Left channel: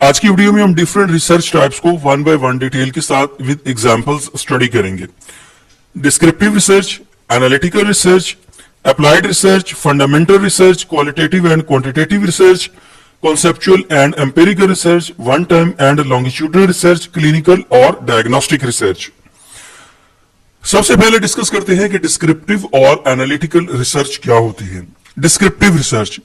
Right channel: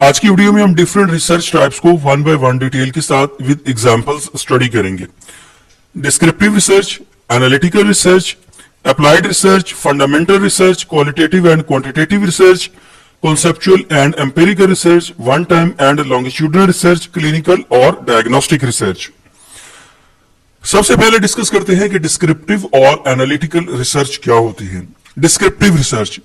आज की वीडियो में हम डिफरेंट रिसर्च टाइप्स को वन बाय वन डिटेल के साथ विद एग्जांपल्स स्टडी करेंगे। Descriptive research, analytical research, applied research, fundamental research, qualitative and quantitative research, conceptual and empirical research, one time and longitudinal research, clinical और diagnostic research. सबसे पहले discuss करते हैं कि descriptive और एनालिटिकल रिसर्च क्या होती है। डिस्क्रिप्टिव रिसर्च,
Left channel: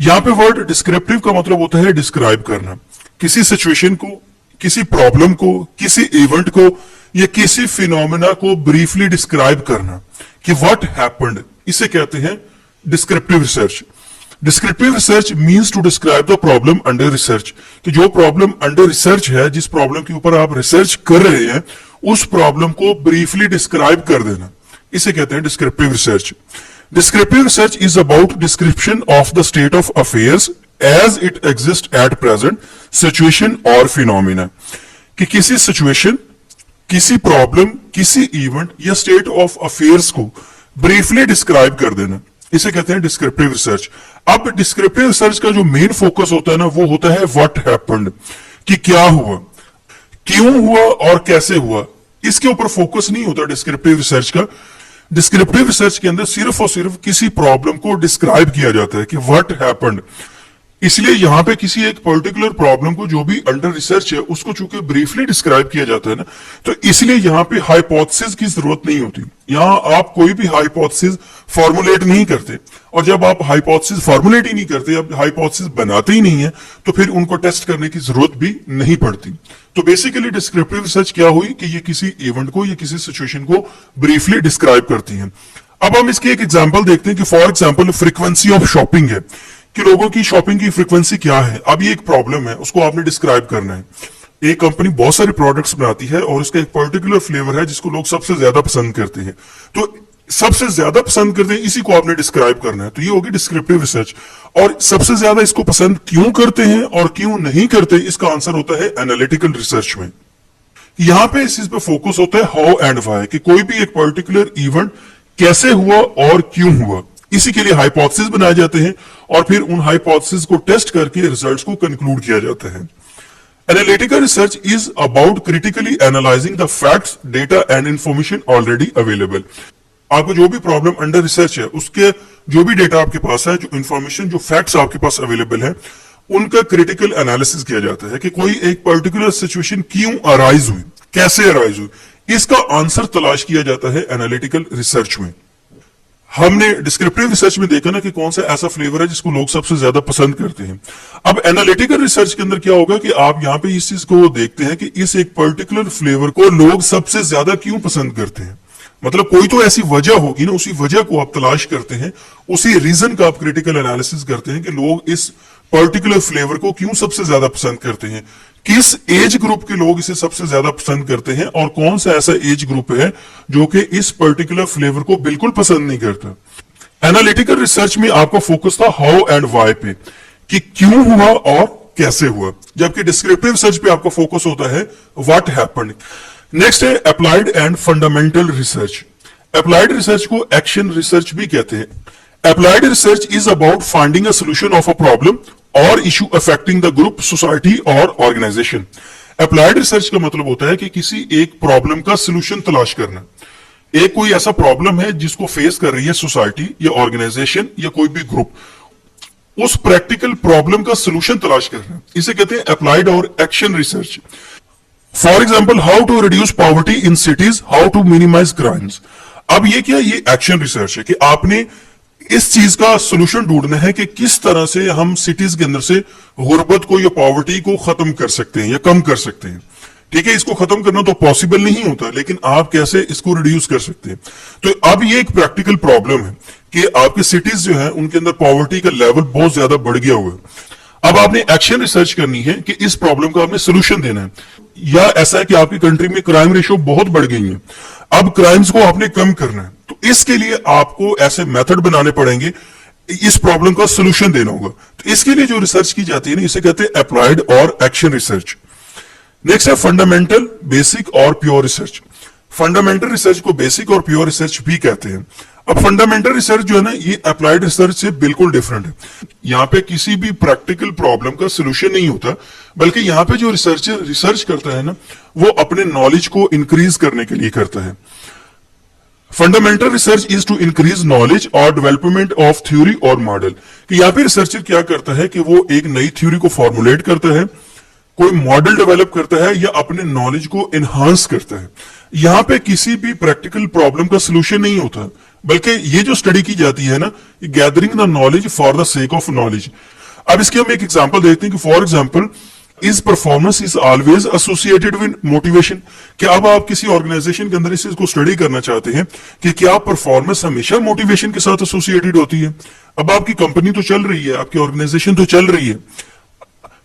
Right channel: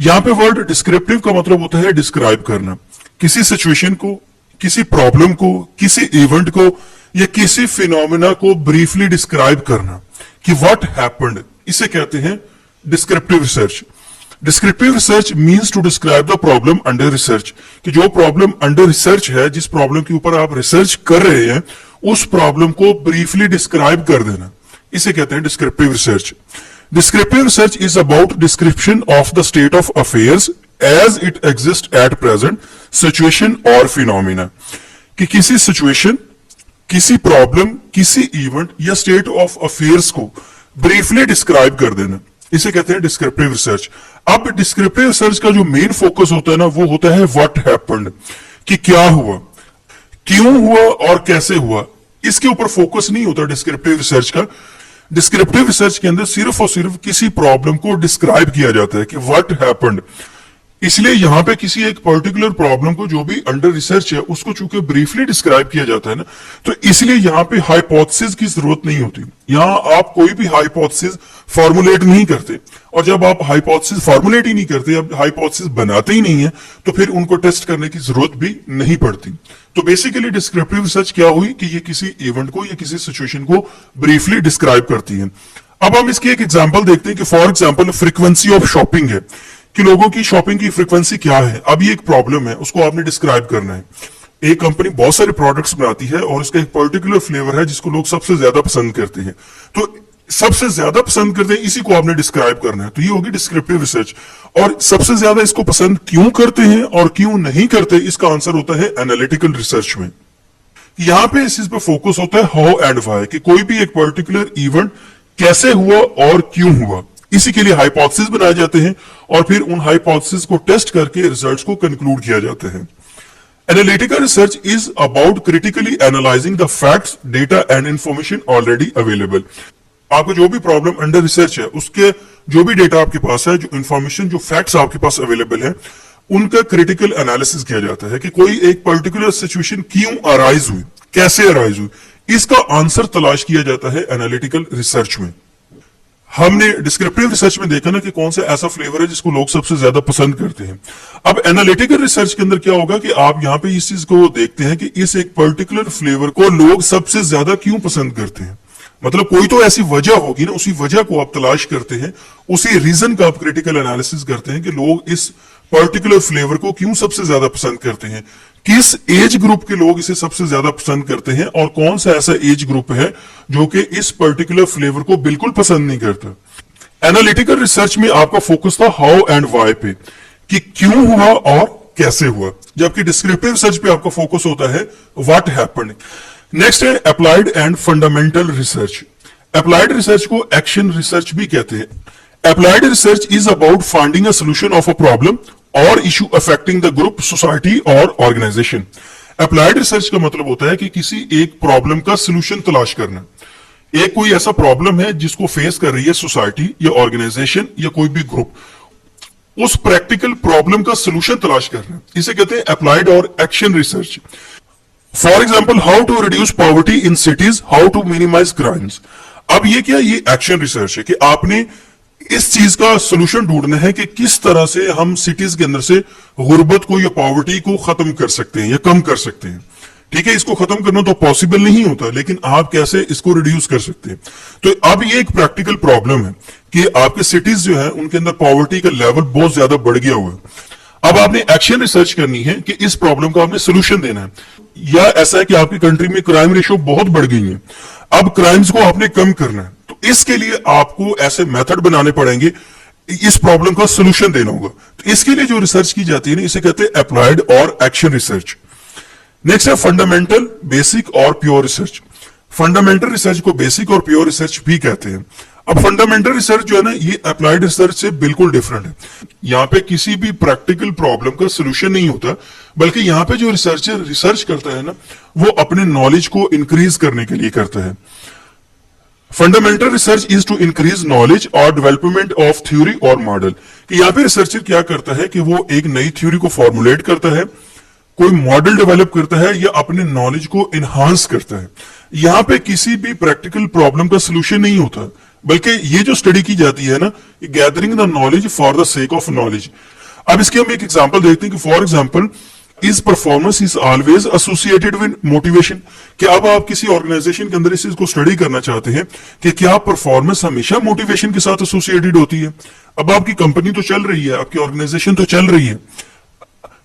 यहां पे वर्ड डिस्क्रिप्टिव का मतलब होता है डिस्क्राइब करना, किसी सिचुएशन को, किसी प्रॉब्लम को, किसी इवेंट को या किसी फिनोमेना को ब्रीफली डिस्क्राइब करना कि व्हाट हैपेंड, इसे कहते हैं descriptive research. Descriptive research means to describe the problem under research, कि जो प्रॉब्लम अंडर रिसर्च है, जिस प्रॉब्लम के ऊपर आप रिसर्च कर रहे हैं, उस प्रॉब्लम को ब्रीफली डिस्क्राइब कर देना, इसे कहते हैं descriptive research. Descriptive research is about description of the state of affairs as it exists at present, situation or phenomena, कि किसी सिचुएशन, किसी प्रॉब्लम, किसी इवेंट या स्टेट ऑफ अफेयर्स को ब्रीफली डिस्क्राइब कर देना, इसे कहते हैं डिस्क्रिप्टिव रिसर्च। अब डिस्क्रिप्टिव रिसर्च का जो मेन फोकस होता है ना, वो होता है व्हाट हैपेंड, कि क्या हुआ, क्यों हुआ और कैसे हुआ। इसके ऊपर फोकस नहीं होता डिस्क्रिप्टिव रिसर्च का। डिस्क्रिप्टिव रिसर्च के अंदर सिर्फ और सिर्फ किसी प्रॉब्लम को डिस्क्राइब किया जाता है कि व्हाट हैपेंड। इसलिए यहां पे किसी एक पर्टिकुलर प्रॉब्लम को जो भी अंडर रिसर्च है, उसको चूंकि ब्रीफली डिस्क्राइब किया जाता है ना, तो इसलिए यहां पे हाइपोथेसिस की जरूरत नहीं होती। यहां आप कोई भी हाइपोथेसिस फॉर्मुलेट नहीं करते, और जब आप हाइपोथेसिस फॉर्मुलेट ही नहीं करते, अब हाइपोथेसिस बनाते ही नहीं है, तो फिर उनको टेस्ट करने की जरूरत भी नहीं पड़ती। तो बेसिकली डिस्क्रिप्टिव रिसर्च क्या हुई कि ये किसी इवेंट को या किसी सिचुएशन को ब्रीफली डिस्क्राइब करती है। अब हम इसकी एक एग्जांपल देखते हैं कि for example frequency of shopping है, कि लोगों की शॉपिंग की फ्रीक्वेंसी क्या है। अब ये एक प्रॉब्लम है, उसको आपने डिस्क्राइब करना है। एक कंपनी बहुत सारे प्रोडक्ट्स बनाती है और उसका एक पर्टिकुलर फ्लेवर है जिसको लोग सबसे ज्यादा पसंद करते हैं, तो सबसे ज्यादा पसंद करते हैं, इसी को आपने डिस्क्राइब करना है। तो ये होगी डिस्क्रिप्टिव रिसर्च। और सबसे ज्यादा इसको पसंद क्यों करते हैं और क्यों नहीं करते, इसका आंसर होता है एनालिटिकल रिसर्च में। यहां पे इस चीज पे फोकस होता है हाउ एंड व्हाई, कि कोई भी एक पर्टिकुलर इवेंट कैसे हुआ और क्यों हुआ। इसी के लिए हाइपोथेसिस बनाए जाते हैं और फिर उन हाइपोथेसिस को टेस्ट करके रिजल्ट्स को कंक्लूड किया जाता है। Analytical research is about critically analysing the facts, data and information already available. आपको जो भी प्रॉब्लम अंडर रिसर्च है, उसके जो भी डेटा आपके पास है, जो इंफॉर्मेशन, जो फैक्ट्स आपके पास अवेलेबल है, उनका क्रिटिकल एनालिसिस किया जाता है कि कोई एक पर्टिकुलर सिचुएशन क्यों अराइज हुई, कैसे अराइज हुई, इसका आंसर तलाश किया जाता है एनालिटिकल रिसर्च में। हमने डिस्क्रिप्टिव रिसर्च में देखा ना कि कौन सा ऐसा फ्लेवर है जिसको लोग सबसे ज्यादा पसंद करते हैं। अब एनालिटिकल रिसर्च के अंदर क्या होगा कि आप यहाँ पे इस चीज को देखते हैं कि इस एक पर्टिकुलर फ्लेवर को लोग सबसे ज्यादा क्यों पसंद करते हैं। मतलब कोई तो ऐसी वजह होगी ना, उसी वजह को आप तलाश करते हैं, उसी रीजन का आप क्रिटिकल एनालिसिस करते हैं कि लोग इस पर्टिकुलर फ्लेवर को क्यों सबसे ज्यादा पसंद करते हैं, किस एज ग्रुप के लोग इसे सबसे ज्यादा पसंद करते हैं, और कौन सा ऐसा एज ग्रुप है जो कि इस पर्टिकुलर फ्लेवर को बिल्कुल पसंद नहीं करता। एनालिटिकल रिसर्च में आपका फोकस था हाउ एंड व्हाई पे, कि क्यों हुआ और कैसे हुआ, जबकि डिस्क्रिप्टिव रिसर्च पे आपका फोकस होता है व्हाट हैपेंड। नेक्स्ट है applied and fundamental research. Applied research को एक्शन रिसर्च भी कहते हैं। Applied research is about finding a solution of a problem और issue affecting the group, society और ऑर्गेनाइजेशन। अप्लाइड रिसर्च का मतलब होता है कि किसी एक प्रॉब्लम का सोल्यूशन तलाश करना। एक कोई ऐसा प्रॉब्लम है जिसको फेस कर रही है सोसाइटी या ऑर्गेनाइजेशन या कोई भी ग्रुप, उस प्रैक्टिकल प्रॉब्लम का सोल्यूशन तलाश करना, इसे कहते हैं अप्लाइड और action research. For example how to reduce poverty in cities, how to minimise crimes. अब ये क्या, ये एक्शन रिसर्च है कि आपने इस चीज का सोल्यूशन ढूंढना है कि किस तरह से हम सिटीज के अंदर से गुर्बत को या पॉवर्टी को खत्म कर सकते हैं या कम कर सकते हैं। ठीक है, इसको खत्म करना तो पॉसिबल नहीं होता, लेकिन आप कैसे इसको रिड्यूस कर सकते हैं। तो अब ये एक प्रैक्टिकल प्रॉब्लम है कि आपके सिटीज जो है उनके अंदर पॉवर्टी का लेवल बहुत ज्यादा बढ़ गया हुआ है। अब आपने एक्शन रिसर्च करनी है कि इस प्रॉब्लम का आपने सोल्यूशन देना है, या ऐसा है कि आपकी कंट्री में क्राइम रेशियो बहुत बढ़ गई है, अब क्राइम्स को आपने कम करना है, तो इसके लिए आपको ऐसे मेथड बनाने पड़ेंगे, इस प्रॉब्लम का सोल्यूशन देना होगा। तो इसके लिए जो रिसर्च की जाती है ना, इसे कहते हैं अप्लाइड और एक्शन रिसर्च। नेक्स्ट है फंडामेंटल, बेसिक और प्योर रिसर्च। फंडामेंटल रिसर्च को बेसिक और प्योर रिसर्च भी कहते हैं। अब फंडामेंटल रिसर्च जो है ना, ये अप्लाइड रिसर्च से बिल्कुल डिफरेंट है। यहाँ पे किसी भी प्रैक्टिकल प्रॉब्लम का सोल्यूशन नहीं होता, बल्कि यहाँ पे जो रिसर्चर रिसर्च करता है ना, वो अपने नॉलेज को इंक्रीज करने के लिए करता है। Fundamental research is to increase knowledge और डेवलपमेंट ऑफ थ्योरी और मॉडल। कि यहाँ पे रिसर्चर क्या करता है कि वो एक नई थ्योरी को फॉर्मुलेट करता है, कोई मॉडल डेवलप करता है, या अपने नॉलेज को एनहांस करता है। यहाँ पे किसी भी प्रैक्टिकल प्रॉब्लम का सोल्यूशन नहीं होता, बल्कि ये जो स्टडी की जाती है ना, gathering the knowledge for the sake of knowledge. अब इसके हम एक एग्जांपल देखते हैं कि for example, is performance is always associated with motivation. कि अब आप किसी ऑर्गेनाइजेशन के अंदर इस चीज को स्टडी करना चाहते हैं कि क्या परफॉर्मेंस हमेशा मोटिवेशन के साथ एसोसिएटेड होती है। अब आपकी कंपनी तो चल रही है, आपकी ऑर्गेनाइजेशन तो चल रही है,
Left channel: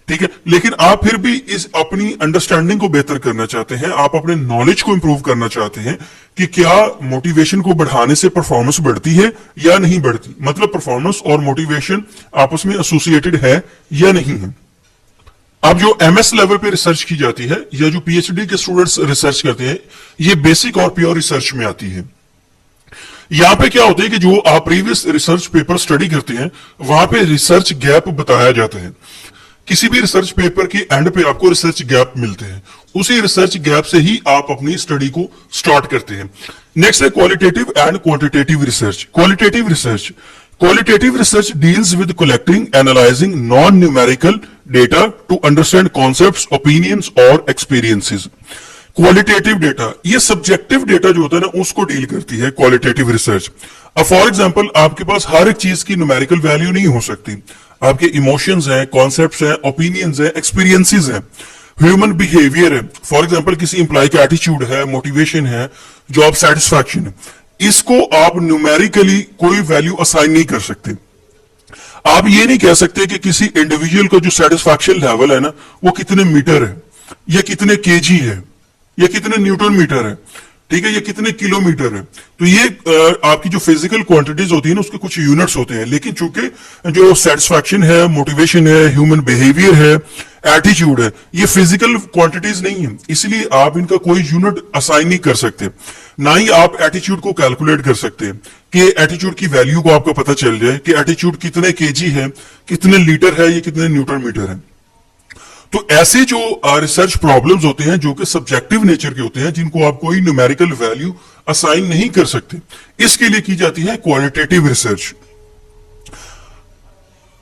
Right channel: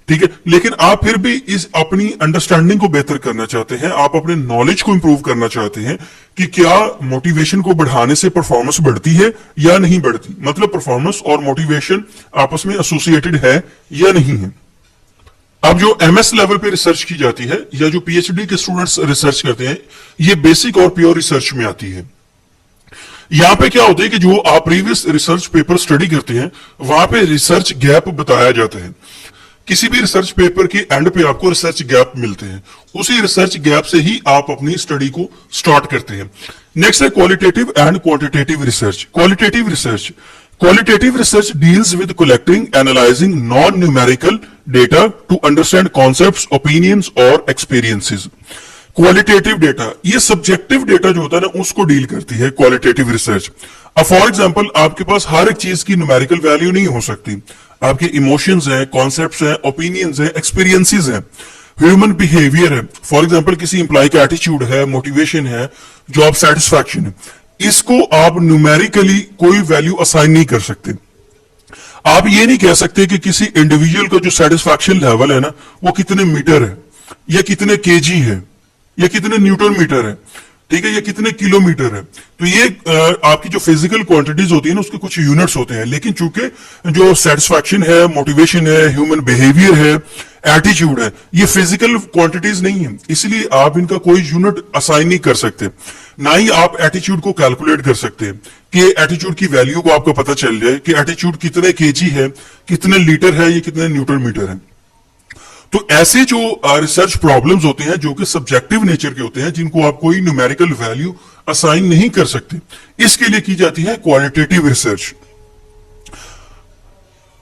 ठीक है, लेकिन आप फिर भी इस अपनी अंडरस्टैंडिंग को बेहतर करना चाहते हैं, आप अपने नॉलेज को इंप्रूव करना चाहते हैं कि क्या मोटिवेशन को बढ़ाने से परफॉर्मेंस बढ़ती है या नहीं बढ़ती। मतलब परफॉर्मेंस और मोटिवेशन आपस में एसोसिएटेड है या नहीं है। अब जो एमएस लेवल पे रिसर्च की जाती है, या जो पीएचडी के स्टूडेंट्स रिसर्च करते हैं, ये बेसिक और प्योर रिसर्च में आती है। यहां पे क्या होता है कि जो आप प्रीवियस रिसर्च पेपर स्टडी करते हैं, वहां पे रिसर्च गैप बताया जाता है। किसी भी रिसर्च पेपर के एंड पे आपको रिसर्च गैप मिलते हैं, उसी रिसर्च गैप से ही आप अपनी स्टडी को स्टार्ट करते हैं। नेक्स्ट है qualitative and quantitative research. Qualitative research deals with collecting analysing non numerical data to understand concepts, opinions और एक्सपीरियंसेस। क्वालिटेटिव डेटा, ये सब्जेक्टिव डेटा जो होता है ना, उसको डील करती है क्वालिटेटिव रिसर्च। अब फॉर एग्जांपल, आपके पास हर एक चीज की न्यूमेरिकल वैल्यू नहीं हो सकती। आपके इमोशंस हैं, कॉन्सेप्ट्स हैं, ओपिनियंस हैं, एक्सपीरियंसेस हैं, ह्यूमन बिहेवियर है। फॉर एग्जांपल, किसी इंप्लॉय का एटीट्यूड है, मोटिवेशन है, जॉब सेटिस्फैक्शन है, इसको आप न्यूमेरिकली कोई वैल्यू असाइन नहीं कर सकते। आप ये नहीं कह सकते कि किसी इंडिविजुअल का जो सेटिस्फैक्शन लेवल है ना, वो कितने मीटर है, या कितने केजी है, या कितने न्यूटन मीटर है, ठीक है, ये कितने किलोमीटर है। तो ये आपकी जो फिजिकल क्वांटिटीज होती है ना, उसके कुछ यूनिट्स होते हैं। लेकिन चूंकि जो सेटिस्फैक्शन है, मोटिवेशन है, ह्यूमन बिहेवियर है, एटीट्यूड है, ये फिजिकल क्वांटिटीज नहीं है, इसलिए आप इनका कोई यूनिट असाइन नहीं कर सकते। ना ही आप एटीट्यूड को कैलकुलेट कर सकते हैं कि एटीट्यूड की वैल्यू को आपको पता चल जाए कि एटीट्यूड कितने केजी है, कितने लीटर है, ये कितने न्यूटन मीटर है। तो ऐसे जो रिसर्च प्रॉब्लम्स होते हैं, जो कि सब्जेक्टिव नेचर के होते हैं, जिनको आप कोई न्यूमेरिकल वैल्यू असाइन नहीं कर सकते, इसके लिए की जाती है qualitative research.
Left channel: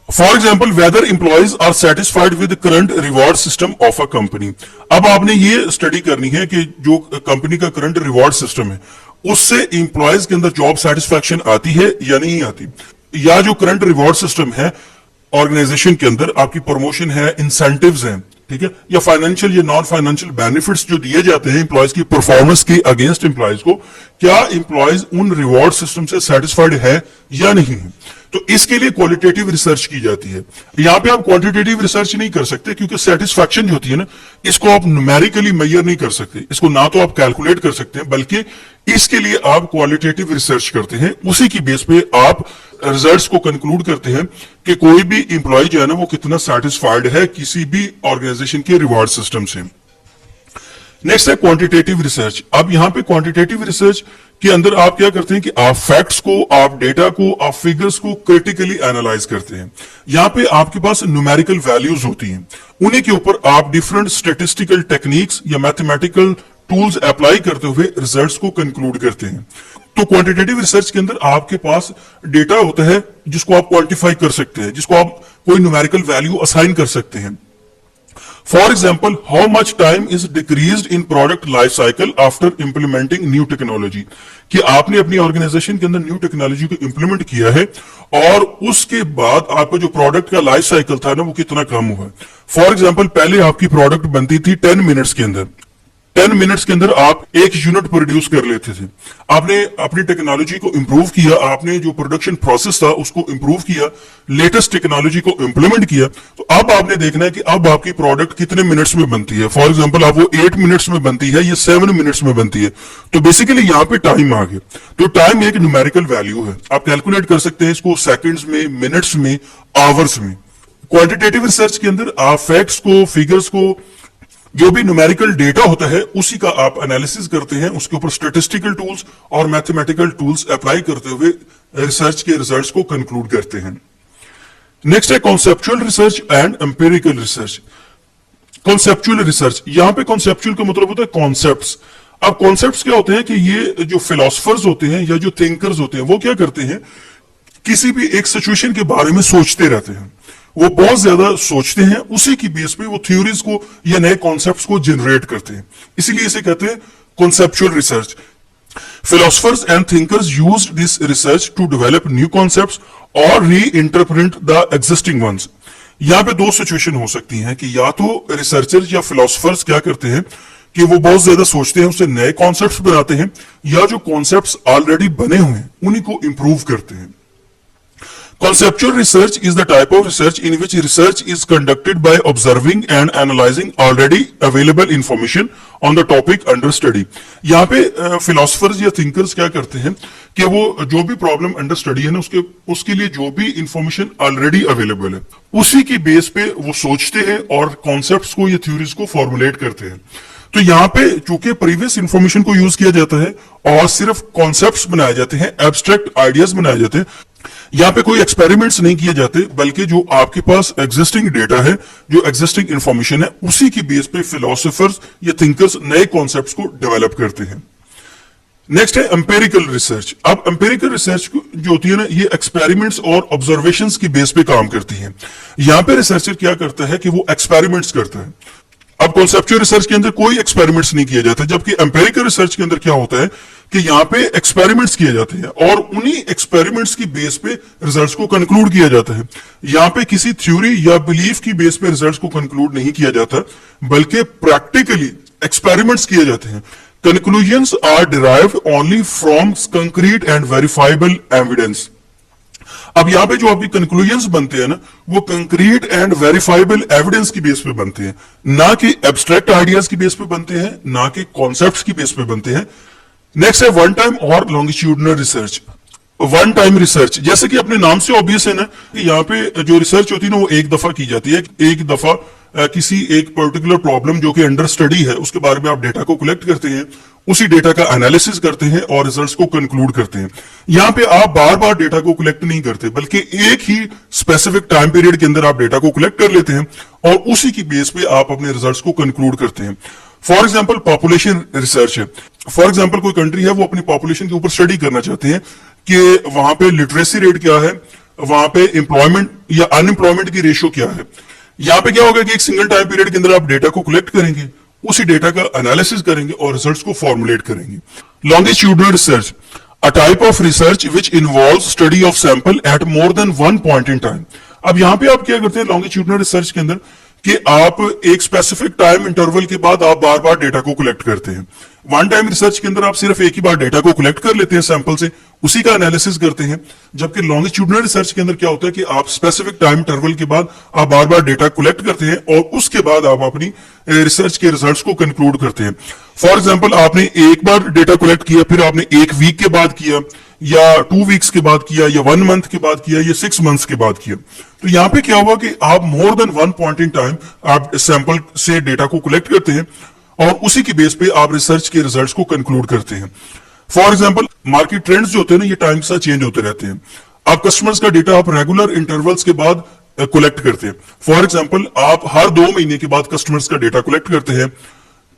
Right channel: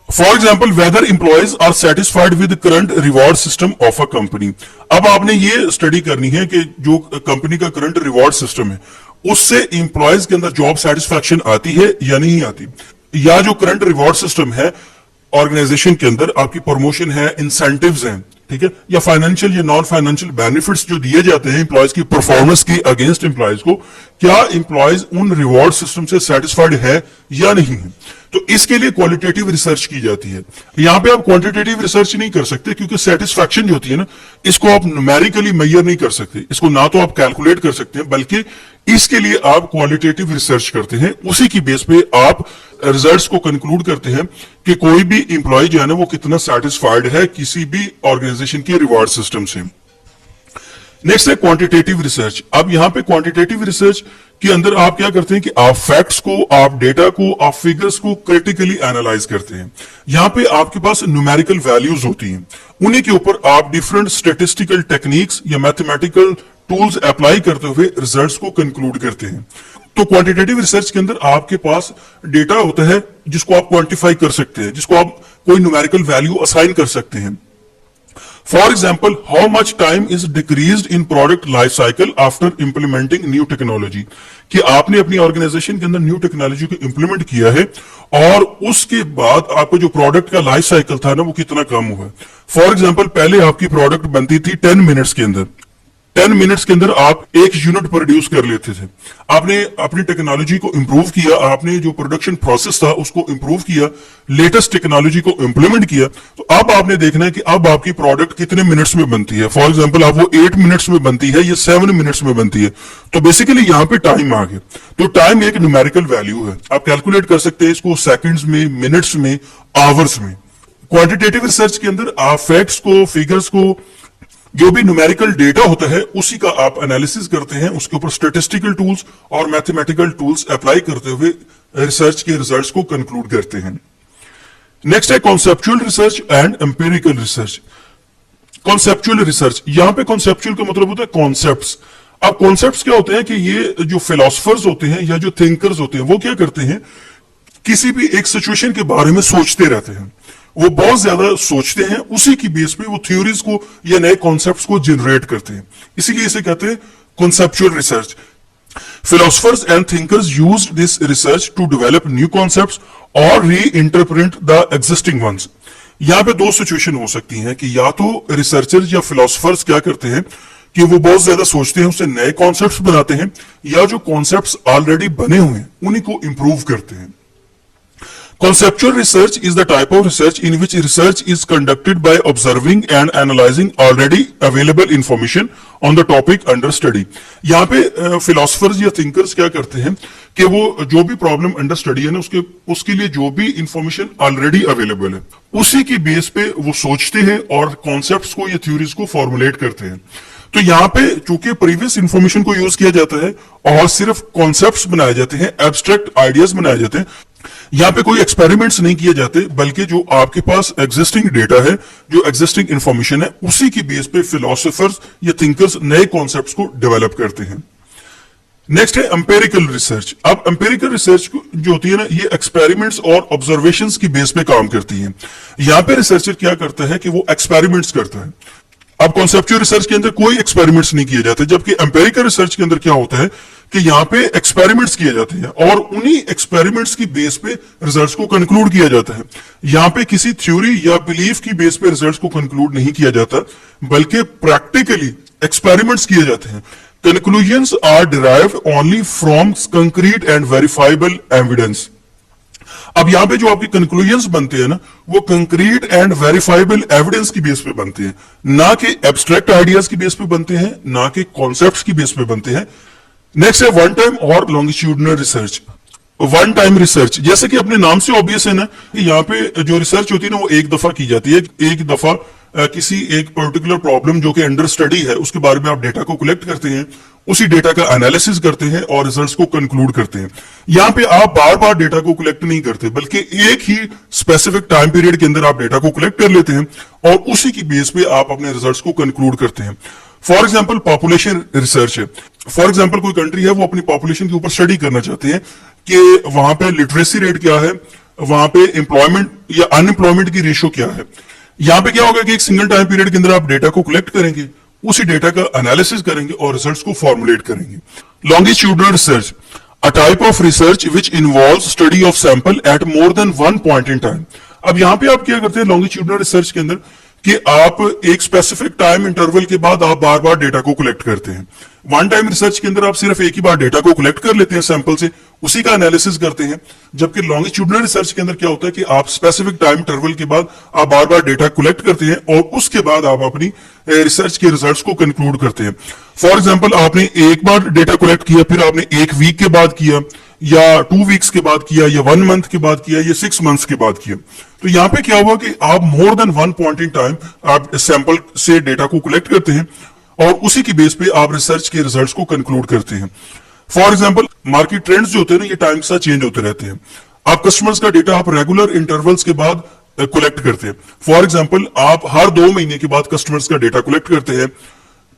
For example, whether employees are satisfied with current reward system of a company. अब आपने ये स्टडी करनी है कि जो कंपनी का करंट रिवॉर्ड सिस्टम है, उससे एम्प्लॉयज के अंदर जॉब सेटिस्फैक्शन आती है या नहीं आती, या जो करंट रिवॉर्ड सिस्टम है ऑर्गेनाइजेशन के अंदर, आपकी प्रमोशन है, इंसेंटिव्स हैं, ठीक है, या फाइनेंशियल या नॉन फाइनेंशियल बेनिफिट्स जो दिए जाते हैं एम्प्लॉयज की परफॉर्मेंस के अगेंस्ट एम्प्लॉयज को, क्या एम्प्लॉयज उन रिवॉर्ड सिस्टम से सेटिस्फाइड है या नहीं है। तो इसके लिए क्वालिटेटिव रिसर्च की जाती है। यहां पे आप क्वांटिटेटिव रिसर्च नहीं कर सकते, क्योंकि सेटिस्फैक्शन जो होती है ना, इसको आप न्यूमेरिकली मेजर नहीं कर सकते, इसको ना तो आप कैलकुलेट कर सकते हैं, बल्कि इसके लिए आप क्वालिटेटिव रिसर्च करते हैं। उसी की बेस पे आप रिजल्ट्स को कंक्लूड करते हैं कि कोई भी इंप्लॉय जो है ना, वो कितना सेटिस्फाइड है किसी भी ऑर्गेनाइजेशन के रिवॉर्ड सिस्टम से। नेक्स्ट है क्वांटिटेटिव रिसर्च। अब यहां पे क्वांटिटेटिव रिसर्च के अंदर आप क्या करते हैं कि आप फैक्ट्स को, आप डेटा को, आप फिगर्स को क्रिटिकली एनालाइज करते हैं। यहां पे आपके पास न्यूमेरिकल वैल्यूज होती हैं, उन्हीं के ऊपर आप डिफरेंट स्टेटिस्टिकल टेक्निक्स या मैथमेटिकल टूल्स अप्लाई करते हुए रिजल्ट्स को कंक्लूड करते हैं। तो क्वांटिटेटिव रिसर्च के अंदर आपके पास डेटा होता है जिसको आप क्वांटिफाई कर सकते हैं, जिसको आप कोई न्यूमेरिकल वैल्यू असाइन कर सकते हैं। For example, how much time is decreased in product life cycle after implementing new technology. कि आपने अपनी ऑर्गेनाइजेशन के अंदर न्यू टेक्नोलॉजी को इंप्लीमेंट किया है, और उसके बाद आपका जो प्रोडक्ट का लाइफ साइकिल था ना, वो कितना कम हुआ। फॉर एग्जाम्पल, पहले आपकी प्रोडक्ट बनती थी 10 मिनट्स के अंदर, 10 मिनट्स के अंदर आप एक यूनिट प्रोड्यूस कर लेते थे। आपने अपनी टेक्नोलॉजी को इंप्रूव किया, आपने जो प्रोडक्शन प्रोसेस था उसको इंप्रूव किया, लेटेस्ट टेक्नोलॉजी को इंप्लीमेंट किया, तो अब आपने देखना है कि अब आपकी प्रोडक्ट कितने मिनट्स में बनती है। फॉर एग्जांपल, आप वो 8 मिनट्स में बनती है, ये 7 मिनट्स में बनती है। तो बेसिकली यहाँ पे टाइम आ गया। तो टाइम एक न्यूमेरिकल वैल्यू है, आप कैलकुलेट कर सकते हैं इसको सेकेंड्स में, मिनट्स में, आवर्स में। क्वांटिटेटिव रिसर्च के अंदर आप फैक्ट्स को, फिगर्स को जो भी न्यूमेरिकल डेटा होता है उसी का आप एनालिसिस करते हैं, उसके ऊपर स्टैटिस्टिकल टूल्स और मैथमेटिकल टूल्स अप्लाई करते हुए रिसर्च के रिजल्ट्स को कंक्लूड करते हैं। नेक्स्ट है conceptual research and empirical research. Conceptual research, यहां पे कॉन्सेप्चुअल का मतलब होता है कॉन्सेप्ट्स। अब कॉन्सेप्ट्स क्या होते हैं कि ये जो फिलोसफर्स होते हैं या जो थिंकर्स होते हैं वो क्या करते हैं, किसी भी एक सिचुएशन के बारे में सोचते रहते हैं, वो बहुत ज्यादा सोचते हैं, उसी की बेस पे वो थ्योरीज को या नए कॉन्सेप्ट्स को जनरेट करते हैं, इसीलिए इसे कहते हैं conceptual research. Philosophers and thinkers used this research to develop new concepts or reinterpret the existing ones. यहाँ पे दो सिचुएशन हो सकती हैं कि या तो रिसर्चर्स या फिलोसफर्स क्या करते हैं कि वो बहुत ज्यादा सोचते हैं, उससे नए कॉन्सेप्ट्स बनाते हैं, या जो कॉन्सेप्ट्स ऑलरेडी बने हुए हैं उन्हीं को इंप्रूव करते हैं। Conceptual research is the type of research in which research is conducted by observing and analyzing already available information on the topic under study. यहाँ पे philosophers या thinkers क्या करते हैं कि वो जो भी प्रॉब्लम अंडर स्टडी है ना उसके लिए जो भी इंफॉर्मेशन ऑलरेडी अवेलेबल है उसी की बेस पे वो सोचते हैं और कॉन्सेप्ट्स को या थ्योरीज को फॉर्मुलेट करते हैं। तो यहाँ पे चूंकि प्रीवियस इंफॉर्मेशन को यूज किया जाता है और सिर्फ कॉन्सेप्ट्स बनाए जाते हैं, एब्स्ट्रैक्ट आइडियाज बनाए जाते हैं, यहाँ पे कोई एक्सपेरिमेंट्स नहीं किए जाते, बल्कि जो आपके पास एग्जिस्टिंग डेटा है, जो एग्जिस्टिंग इंफॉर्मेशन है, उसी की बेस पे फिलोसोफर्स या थिंकर्स नए कॉन्सेप्ट्स को डेवलप करते हैं। नेक्स्ट है एम्पिरिकल रिसर्च। अब एम्पिरिकल रिसर्च जो होती है ना, ये एक्सपेरिमेंट्स और ऑब्जर्वेशंस की बेस पे काम करती है। यहाँ पे रिसर्चर क्या करता है कि वो एक्सपेरिमेंट्स करता है। अब कॉन्सेप्चुअल रिसर्च के अंदर कोई एक्सपेरिमेंट्स नहीं किए जाते, जबकि एम्पिरिकल रिसर्च के अंदर क्या होता है कि यहाँ पे एक्सपेरिमेंट्स किए जाते हैं और उन्हीं एक्सपेरिमेंट्स की बेस पे रिजल्ट्स को कंक्लूड किया जाता है। यहाँ पे किसी थ्योरी या बिलीफ की बेस पे रिजल्ट्स को कंक्लूड नहीं किया जाता, बल्कि प्रैक्टिकली एक्सपेरिमेंट्स किए जाते हैं। Conclusions are derived only from concrete and verifiable evidence. अब यहाँ पे जो आपकी कंक्लूजन्स बनते हैं ना, वो कंक्रीट एंड वेरीफाइबल एविडेंस की बेस पे बनते हैं, ना कि एब्स्ट्रैक्ट आइडियाज की बेस पे बनते हैं, ना कि कॉन्सेप्ट्स की बेस पे बनते हैं। नेक्स्ट है वन टाइम और longitudinal research. One time research, जैसे कि अपने नाम से ऑब्वियस है ना, यहाँ पे जो रिसर्च होती है ना वो एक दफा की जाती है। एक दफा किसी एक पर्टिकुलर प्रॉब्लम जो कि अंडर स्टडी है उसके बारे में आप डेटा को कलेक्ट करते हैं, उसी डेटा का एनालिसिस करते हैं और रिजल्ट्स को कंक्लूड करते हैं। यहाँ पे आप बार बार डेटा को कलेक्ट नहीं करते, बल्कि एक ही स्पेसिफिक टाइम पीरियड के अंदर आप डेटा को कलेक्ट कर लेते हैं और उसी की बेस पे आप अपने रिजल्ट्स को कंक्लूड करते हैं। फॉर एग्जाम्पल पॉपुलेशन रिसर्च है। फॉर एग्जाम्पल कोई कंट्री है, वो अपनी पॉपुलेशन के ऊपर स्टडी करना चाहते हैं कि वहां पे लिटरेसी रेट क्या है, वहां पे एम्प्लॉयमेंट या अनएम्प्लॉयमेंट की रेशियो क्या है। यहाँ पे क्या होगा कि एक सिंगल टाइम पीरियड के अंदर आप डेटा को कलेक्ट करेंगे, उसी डेटा का एनालिसिस करेंगे और रिजल्ट्स को फॉर्मुलेट करेंगे। Longitudinal research, a type of research which involves study of sample at more than one point in time. अब यहाँ पे आप क्या करते हैं लॉन्गिट्यूडनल रिसर्च के अंदर कि आप एक स्पेसिफिक टाइम इंटरवल के बाद आप बार बार डेटा को कलेक्ट करते हैं। वन टाइम रिसर्च के अंदर आप सिर्फ एक ही बार डेटा को कलेक्ट कर लेते हैं सैंपल से, उसी का एनालिसिस करते हैं। जबकि लॉन्गिट्यूडनल रिसर्च के अंदर क्या होता है कि आप स्पेसिफिक टाइम इंटरवल के बाद आप बार बार डेटा कलेक्ट करते हैं और उसके बाद आप अपनी रिसर्च के रिजल्ट्स को कंक्लूड करते हैं। फॉर एग्जाम्पल आपने एक बार डेटा कलेक्ट किया, फिर आपने एक वीक के बाद किया, या 2 वीक्स के बाद किया, या 1 मंथ के बाद किया, या 6 मंथ्स के बाद किया। तो यहाँ पे क्या हुआ कि आप more than one point in time आप सैंपल से डेटा को कलेक्ट करते हैं और उसी की बेस पे आप रिसर्च के रिजल्ट्स को कंक्लूड करते हैं। फॉर एग्जांपल मार्केट ट्रेंड्स जो होते हैं ना, ये टाइम के साथ चेंज होते रहते हैं। आप कस्टमर्स का डेटा आप रेगुलर इंटरवल्स के बाद कलेक्ट करते हैं। फॉर एग्जांपल आप हर 2 महीने के बाद कस्टमर्स का डेटा कलेक्ट करते हैं,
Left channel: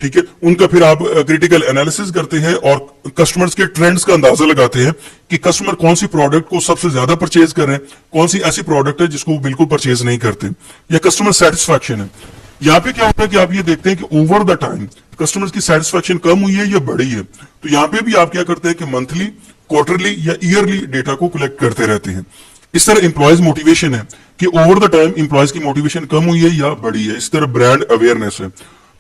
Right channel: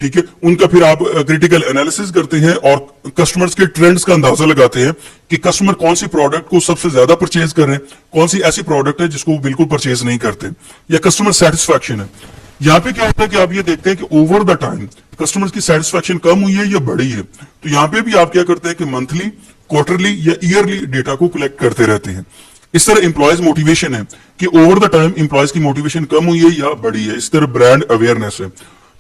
ठीक है, उनका फिर आप क्रिटिकल एनालिसिस करते हैं और कस्टमर्स के ट्रेंड्स का अंदाजा लगाते हैं कि कस्टमर कौन सी प्रोडक्ट को सबसे ज्यादा परचेज कर रहे हैं, कौन सी ऐसी प्रोडक्ट है जिसको बिल्कुल परचेज नहीं करते, या कस्टमर सेटिस्फैक्शन है। यहाँ पे क्या होता है कि आप ये देखते हैं कि ओवर द टाइम कस्टमर्स की सेटिस्फैक्शन कम हुई है या बढ़ी है। तो यहाँ पे भी आप क्या करते हैं कि मंथली, क्वार्टरली या ईयरली डेटा को कलेक्ट करते रहते हैं। इस तरह एम्प्लॉयज मोटिवेशन है कि ओवर द टाइम एम्प्लॉयज की मोटिवेशन कम हुई है या बढ़ी है। इस तरह ब्रांड अवेयरनेस है।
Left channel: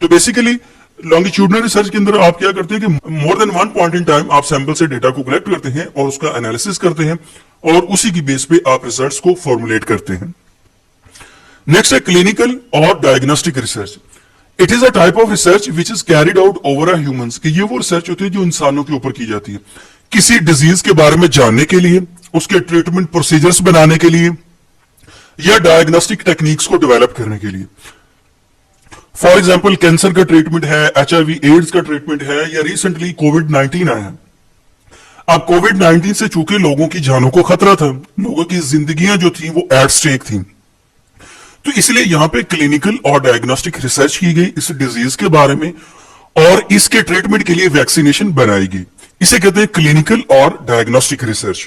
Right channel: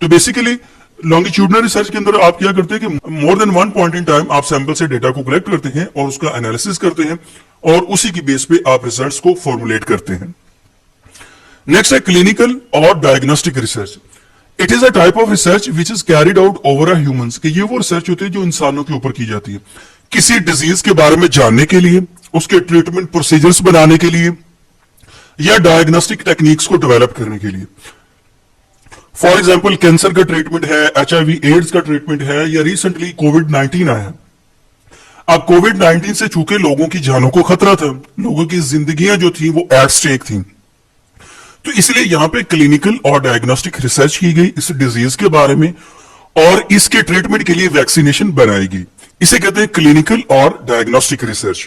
तो बेसिकली लॉन्गिट्यूडनल रिसर्च के अंदर आप क्या करते हैं कि more than one point in time आप सैंपल से डेटा को कलेक्ट करते हैं और उसका एनालिसिस करते हैं और उसी की बेस पे आप रिजल्ट्स को फॉर्मुलेट करते हैं। नेक्स्ट है क्लिनिकल और diagnostic research. It is a type of research which is carried out over a humans, कि ये वो रिसर्च होती है जो इंसानों के ऊपर की जाती है किसी डिजीज के बारे में जानने के लिए, उसके ट्रीटमेंट प्रोसीजर्स बनाने के लिए या डायग्नोस्टिक टेक्निक्स को डेवलप करने के लिए। फॉर एग्जाम्पल कैंसर का ट्रीटमेंट है, HIV एड्स का ट्रीटमेंट है, या रिसेंटली कोविड-19 आया। अब कोविड-19 से चूंकि लोगों की जानों को खतरा था, लोगों की जिंदगियां जो थी वो एट स्टेक थी, तो इसलिए यहां पे क्लिनिकल और डायग्नोस्टिक रिसर्च की गई इस डिजीज के बारे में, और इसके ट्रीटमेंट के लिए वैक्सीनेशन बनाई गई। इसे कहते हैं क्लिनिकल और डायग्नोस्टिक रिसर्च।